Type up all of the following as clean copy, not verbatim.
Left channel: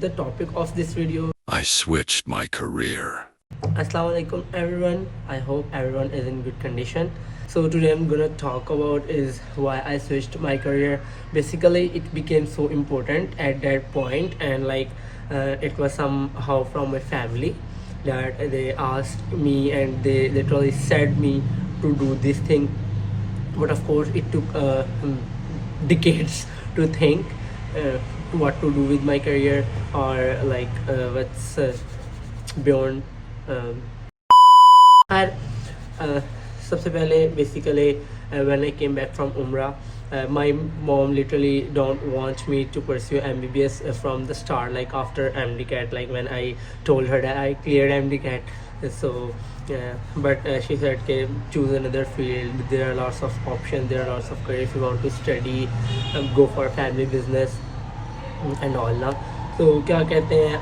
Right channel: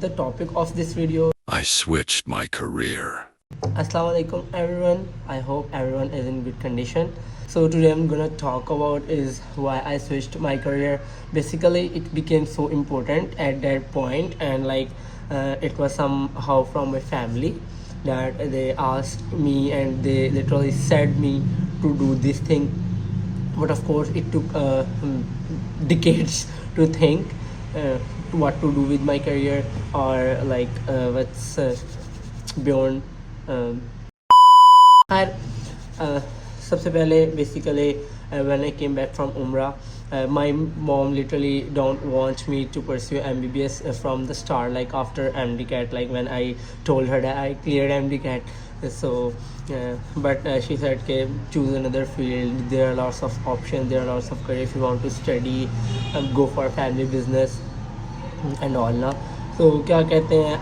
the topic of this video. I switched my career. Assalamualaikum everyone. I hope everyone is in good condition. So today I'm gonna talk about is why I switched my career. Basically it became so important at that point, and it was somehow from my family that they asked me and they literally said me to do this thing. But of course it took decades to think what to do with my career, or what's beyond. खैर सबसे पहले basically when I came back from Umrah, my mom literally don't want me to pursue MBBS from the start, like after MDCAT, like when I told her that I cleared MDCAT. So but she said okay, choose another field, there are lots of options, there are lots of career if you want to study, go for family business and all ना. So क्या कहते हैं,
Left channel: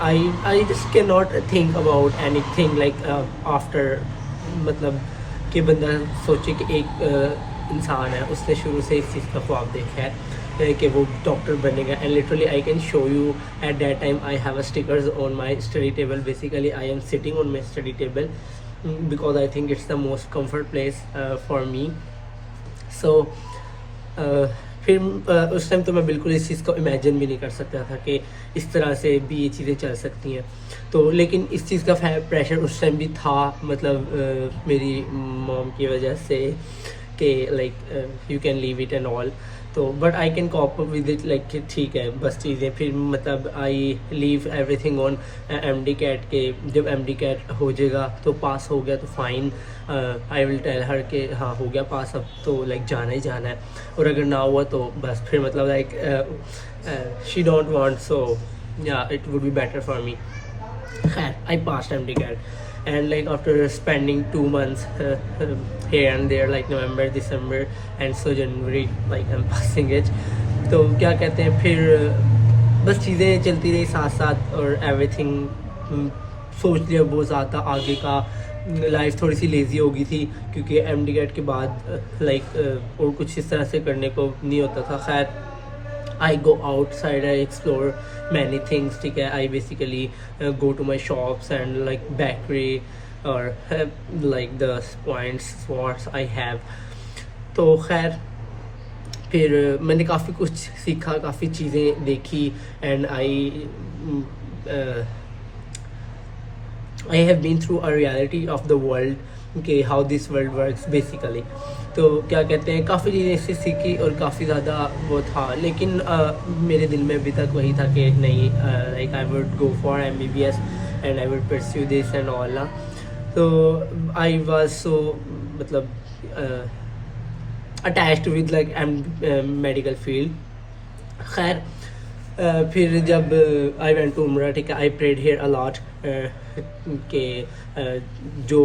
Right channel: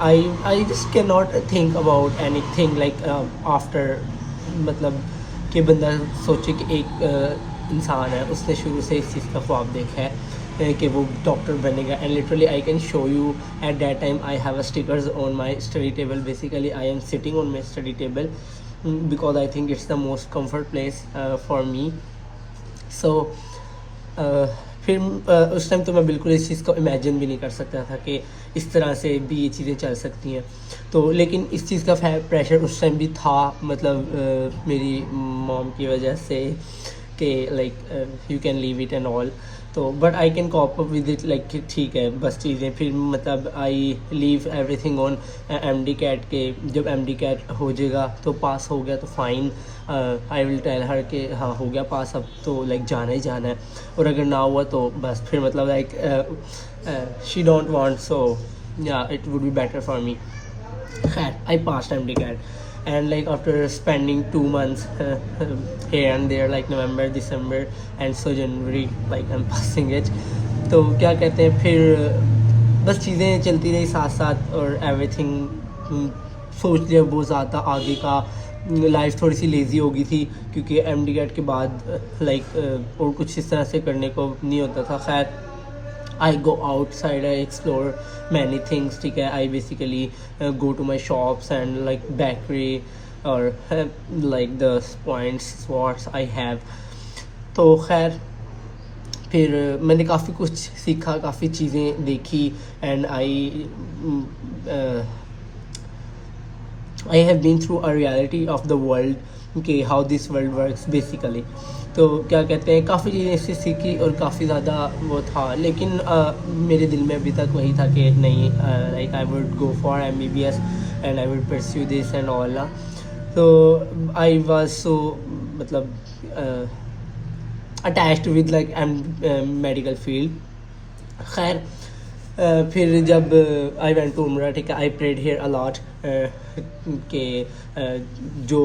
I just cannot think about anything like after, मतलब कि बंदा सोचे कि एक इंसान है, उसने शुरू से इस चीज़ का ख्वाब देखा है कि वो डॉक्टर बनेगा. And literally I can show you at that time I have a stickers on my study table. Basically I am sitting on my study table because I think it's the most comfort place for me. So फिर उस time तो मैं बिल्कुल इस चीज़ को imagine भी नहीं कर सकता था कि इस तरह से भी ये चीज़ें चल सकती हैं. तो लेकिन इस चीज़ का प्रेशर उस टाइम भी था, मतलब मेरी मॉम की वजह से कि like you can leave it and all. तो but I can cop up with it, like ठीक है बस चीज़ें. फिर मतलब I leave everything on MDCAT के. जब MDCAT हो जाएगा तो पास हो गया तो fine, I will tell her के हाँ हो गया पास, अब तो लाइक जाना ही जाना है. और अगर ना हुआ तो बस फिर मतलब लाइक शी डोंट वांट, सो या it would be better for me. खैर आई पास MDCAT, and like after spending 2 months here and there, like November, December and so January, like I'm passing it. तो क्या कहते हैं, फिर बस चीज़ें चलती रही साथ साथ और एवरीथिंग सोच लिया बहुत ज़्यादा आगे का. लाइफ थोड़ी सी लेज़ी हो गई थी क्योंकि MDCAT के बाद लाइक और कुछ इस तरह से करने को नहीं होता था. खैर I go outside, I explore many things, ठीक है. I basically go to my shops and like bakery or like the points spots I have. तो खैर फिर मैंने काफ़ी कुछ सीखा, काफ़ी चीज़ें देखी, and I have been through a reality of the world, कि how this world works basically. तो क्या कहते हैं, काफ़ी चीज़ें इससे सीखी और काफ़ी ज़्यादा वो था. लेकिन मेरे दिल में अभी तक वही था कि नहीं, like I would go for MBBS and I would pursue this and all. तो आई वाज सो मतलब attached with like medical field. खैर फिर जब आई वेंट टू उम्रा, ठीक है, I prayed here a lot के जो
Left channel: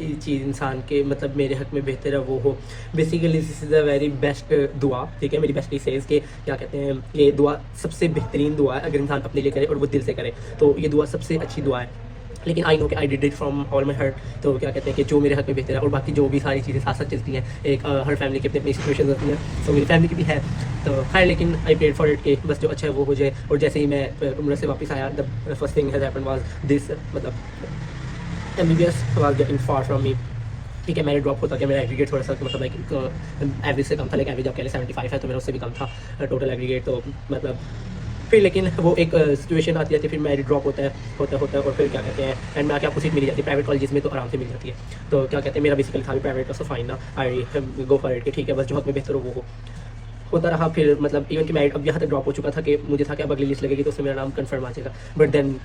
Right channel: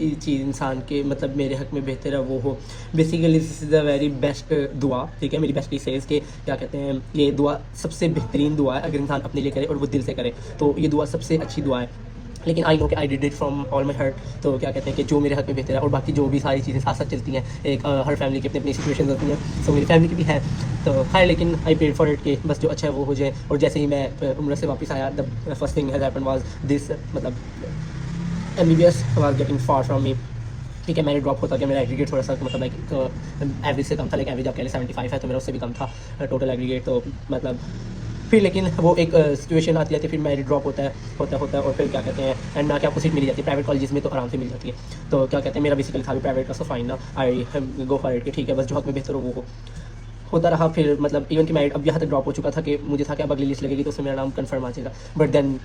चीज़ इंसान के मतलब मेरे हक में बेहतर है वो हो. Basically this is the very best दुआ, ठीक है. मेरी बेस्ट सेज के क्या कहते हैं, ये दुआ सबसे बेहतरीन दुआ है अगर इंसान अपने लिए करे और वो दिल से करे, तो ये दुआ सबसे अच्छी दुआ है. लेकिन आई नो कि I did it from all my heart. तो क्या कहते हैं कि जो मेरे हक में बेहतर है, और बाकी जो भी सारी चीज़ें साथ साथ चलती हैं, एक हर फैमिली की अपनी अपनी सिचुएशन होती हैं. सो मेरी फैमिली की भी है. तो खैर लेकिन आई पेड फॉर इट कि बस जो अच्छा है वो हो जाए. और जैसे ही मैं उम्र से वापस आया, the first thing has happened was this, मतलब MBBS was getting far from me. ठीक है, मेरे ड्रॉप होता कि मेरा एग्रीगेट थोड़ा सा मतलब लाइक एवरेज से कम था. लाइक एवरेज आप कह लें 75 है, तो मेरा उससे भी कम था टोटल एग्रीगेट. तो मतलब फिर लेकिन वो एक सिचुएशन आती है, फिर मेरिट ड्रॉप होता है और फिर क्या कहते हैं एंड में आके आपको सीट मिल जाती है प्राइवेट कॉलेजेस में, तो आराम से मिल जाती है. तो क्या कहते हैं, मेरा बेसिकली था भी प्राइवेट का, सो फाइन ना, आई गो फॉर इट कि ठीक है बस जो हक में बेहतर हो वो होता रहा. फिर मतलब इवन कि मेरिट अब यहाँ तक ड्रॉप हो चुका था कि मुझे था कि अब अगली लिस्ट लगेगी तो उसमें मेरा नाम कंफर्म आ जाएगा. But then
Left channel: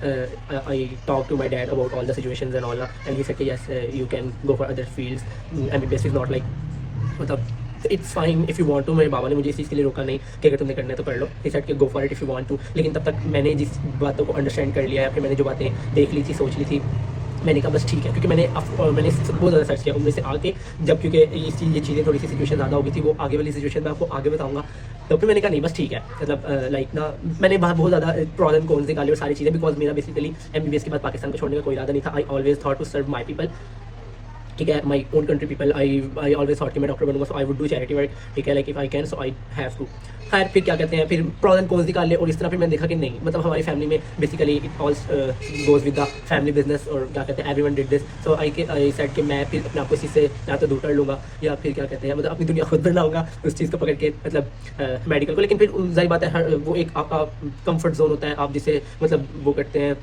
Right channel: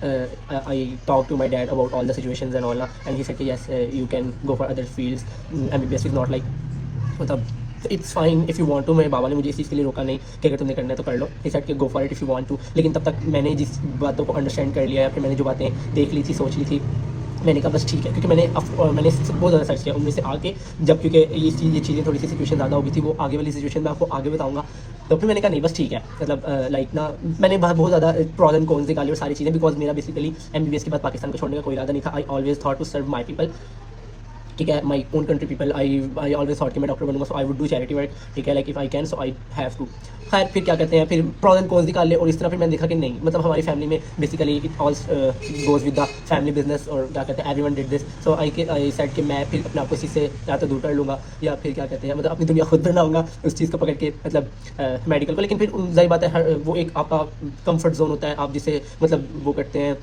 I talk to my dad about all the situations and all, and he said कि yes you can go for other fields. MBBS is not like, मतलब it's fine if you want to. मेरे बाबा ने मुझे इस चीज़ के लिए रोका नहीं कि अगर तुमने करना है तो कर लो. ही सेड कि go for it if you want to. लेकिन तब तक मैंने जिस बातों को अंडरस्टैंड कर लिया या फिर मैंने जो बातें देख ली थी, सोच ली थी, मैंने कहा बस ठीक है. क्योंकि मैंने बहुत ज़्यादा सर्च किया उनमें से आके, जब क्योंकि ये चीज़ें थोड़ी सी सिचुएशन ज़्यादा हो गई थी, वो आगे वाली सिचुएशन मैं आपको आगे बताऊँगा. तो फिर मैंने कहा नहीं बस ठीक है, मतलब लाइक ना मैंने बहुत ज़्यादा प्रॉज एंड कॉन्स निकाली और सारी चीज़ें, बिकॉज मेरा बेसिकली MBBS के बाद पाकिस्तान को छोड़ने का कोई इरादा नहीं था. I always thought to serve my people. ठीक है, my own country people, I always thought कि मैं डॉक्टर बनूंगा, so I would do charity work, ठीक है, like if I can, so I have to. खैर फिर क्या कहते हैं, फिर प्रॉज एंड कॉन्स निकाल ले, और इस तरह फिर मैंने देखा कि नहीं, मतलब हमारी फैमिली में basically it all goes with the family business, और क्या कहते हैं everyone did this, so I said कि मैं फिर अपने आप को इसी से या तो दूर कर लूँगा, या फिर क्या कहते हैं मतलब अपनी दुनिया खुद बनाऊंगा उस चीज़ को पकड़ के, मतलब मेडिकल को। लेकिन फिर जाहिर बात है, हर वो एक आपका कंफर्ट जोन होता है, आप जिसे मतलब वो करते हैं,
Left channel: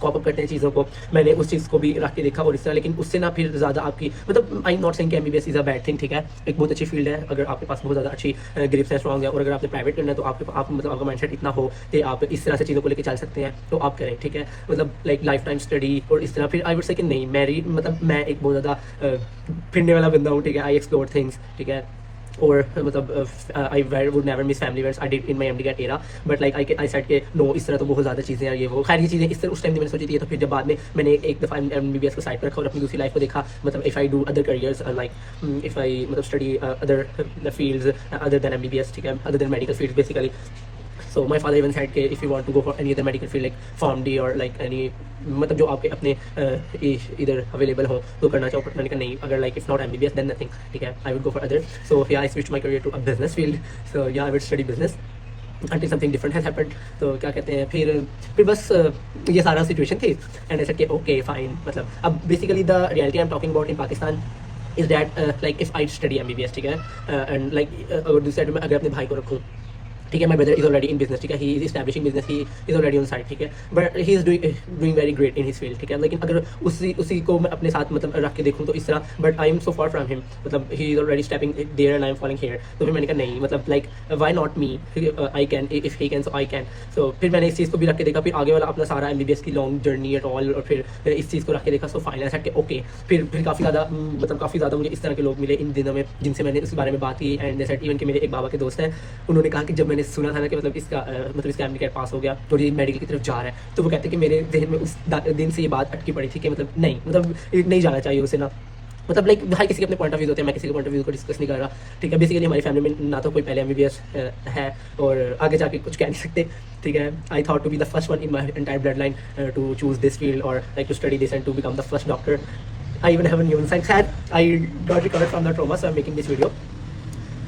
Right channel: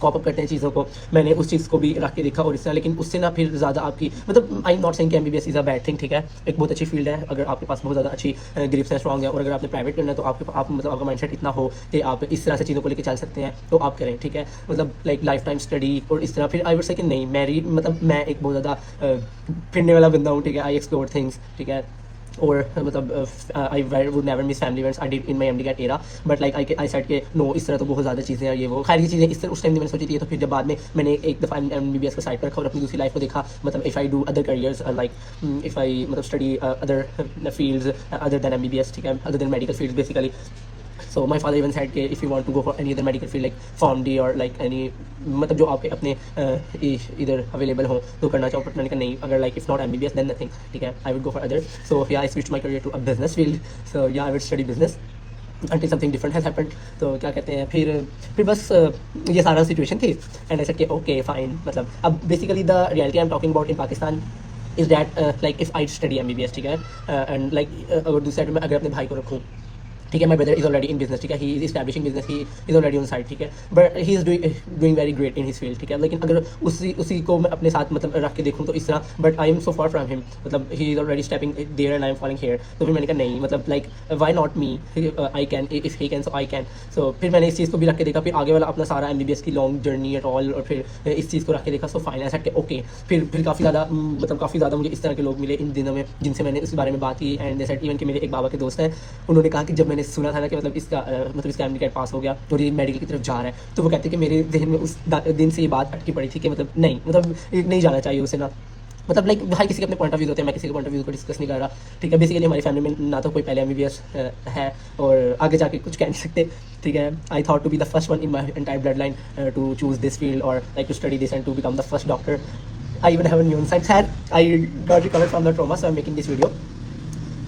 कॉप अप करते हैं चीज़ों को। मैंने उस चीज़ को भी रख के देखा और इस तरह, लेकिन उससे ना फिर ज़्यादा आपकी मतलब आई एम नॉट सेइंग कि MBBS is a bad thing, ठीक है, एक बहुत अच्छी फील्ड है अगर आपके पास बहुत ज़्यादा अच्छी ग्रिप्स है, स्ट्रॉन्ग है, और अगर आपने प्राइवेट करना है तो आप मतलब आपका माइंडसेट इतना हो कि आप इस तरह से चीज़ों को लेकर चल सकते हैं, तो आप करें, ठीक है, मतलब लाइक लाइफ टाइम स्टडी और इस तरह। फिर आई वुड से कि नहीं, मेरी मतलब मैं एक बहुत ज़्यादा फिरने वाला बंदा हूँ, ठीक है, आई एक्सप्लोर थिंग्स, ठीक है, और मतलब I would never miss family events I did in my MD era, but like I said के नो, इस तरह तो बहुत ज़्यादा चीज़ें हैं, ये वो खैर की चीज़ें इस तरह उस टाइम मैंने सोची थी। तो फिर जब बाद में मैंने एक दफ़ा MBBS को साइड पर रखा और अपनी दूसरी लाइफ को देखा, मतलब if I do other careers like if I मतलब study other fields other than MBBS, ठीक है, other than medical fields basically. So my father even said कि if you want to go for any other medical field like PharmD or like any मतलब जो आपके अपने इधर available हो तो करना चाहो, बट मैंने कहा नहीं, अगर like if not MBBS then nothing, ठीक है, I would go for other. So yeah, I switched my career to a business field. So yeah, I would study business until something different has happened. तो क्या कहते हैं, फिर बस ये सारा सिचुएशन थी, एंड आई सेड कि ओके फाइन। मतलब अब basically the reality I am talking about in Pakistan is that like if I study MBBS, ठीक है, एंड लाइक अगर दूसरी साइड में अगर अपने भाई को रखूँ, ठीक है, my brother is already in business, ठीक है, he is establishing business, he is already on side, ठीक है, but he is doing very great in his field, ठीक है, लेकिन अगर उसी को मैं अपने साथ मतलब रख के देखूँ तो इस तरह, but I am so far from him, मतलब he is already stepping there and I am following here. तो फिर मैंने कहा नहीं, मतलब like why not me, I can, if he can so I can. So फिर मैंने इस चीज़ को भी रख के देखा, फिर आगे वाला अपना सारा MBBS की लॉन्ग जर्नी एट ऑल, और फिर इस चीज़ को रख के देखा। सो फाइनल सेट के ओके, फिर काफ़ी ज़्यादा मतलब काफ़ी ज़्यादा मुझे इस तरह के लोग मिले इन दिनों में जिनसे मैंने इस बारे में बात की, एंड दे सेड इवन कि मेरे एक बाबा के दोस्त हैं, उन्होंने कहा कि जब मैंने सुना था ना कि मतलब इसका MD पास हो गया तो ये मेडिकल की तरफ जा रहा है, तो वो कहते हैं कि मेरे जहन में उस दिन से ये बात अटकी पड़ी थी कि मतलब नहीं, मतलब नहीं जाना चाहिए उसे ना, मतलब लाइक हर किसी के अपने पॉइंट ऑफ व्यू होते हैं, मैं किसी के पॉइंट ऑफ व्यू को डिस्कस नहीं कर रहा, ठीक है। बेसिकली हमारी फैमिली में ना तो कोई पहले MBBS है और आगे जाके कुछ कह नहीं सकते, ठीक है। I thought to be the first one in my entire blood line to choose this field और like to study this and to become the first doctor. I even have new science had I got recovered from the trauma, so I am making this video.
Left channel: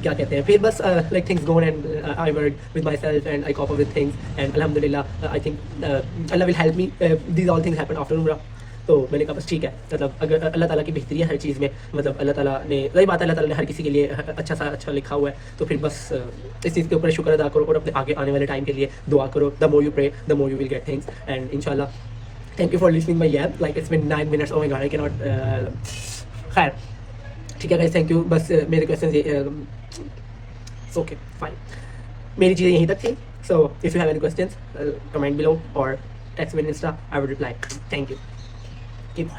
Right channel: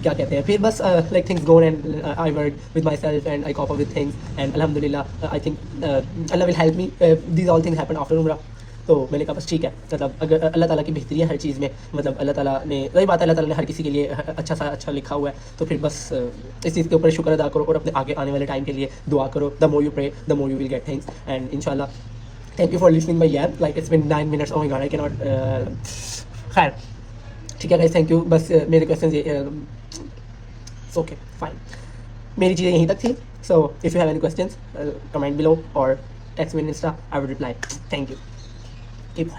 क्या कहते हैं, फिर बस like things gone and I work with my self and I cop up with things and अल्हम्दुलिल्लाह I think Allah will help me, these all things happen after उम्रा। तो मैंने कहा बस ठीक है, मतलब अगर अल्लाह ताला की बेहतरी है हर चीज़ में, मतलब अल्लाह ताला ने, वही बात है, अल्लाह ताला ने हर किसी के लिए अच्छा लिखा हुआ है, तो फिर बस इस चीज़ के ऊपर शुक्र अदा करो और अपने आगे आने वाले टाइम के लिए दुआ करो। The more you pray the more you will get things, and इंशाल्लाह thank you for listening my यार, like it's been 9 minutes, oh my god I can not. खैर ठीक है गाइस, थैंक यू। बस मेरे क्वेश्चन ओके फाइन, मेरी चीज़ें यहीं तक थी। So if you have any questions comment below और text me in Insta, I will reply. Thank you, keep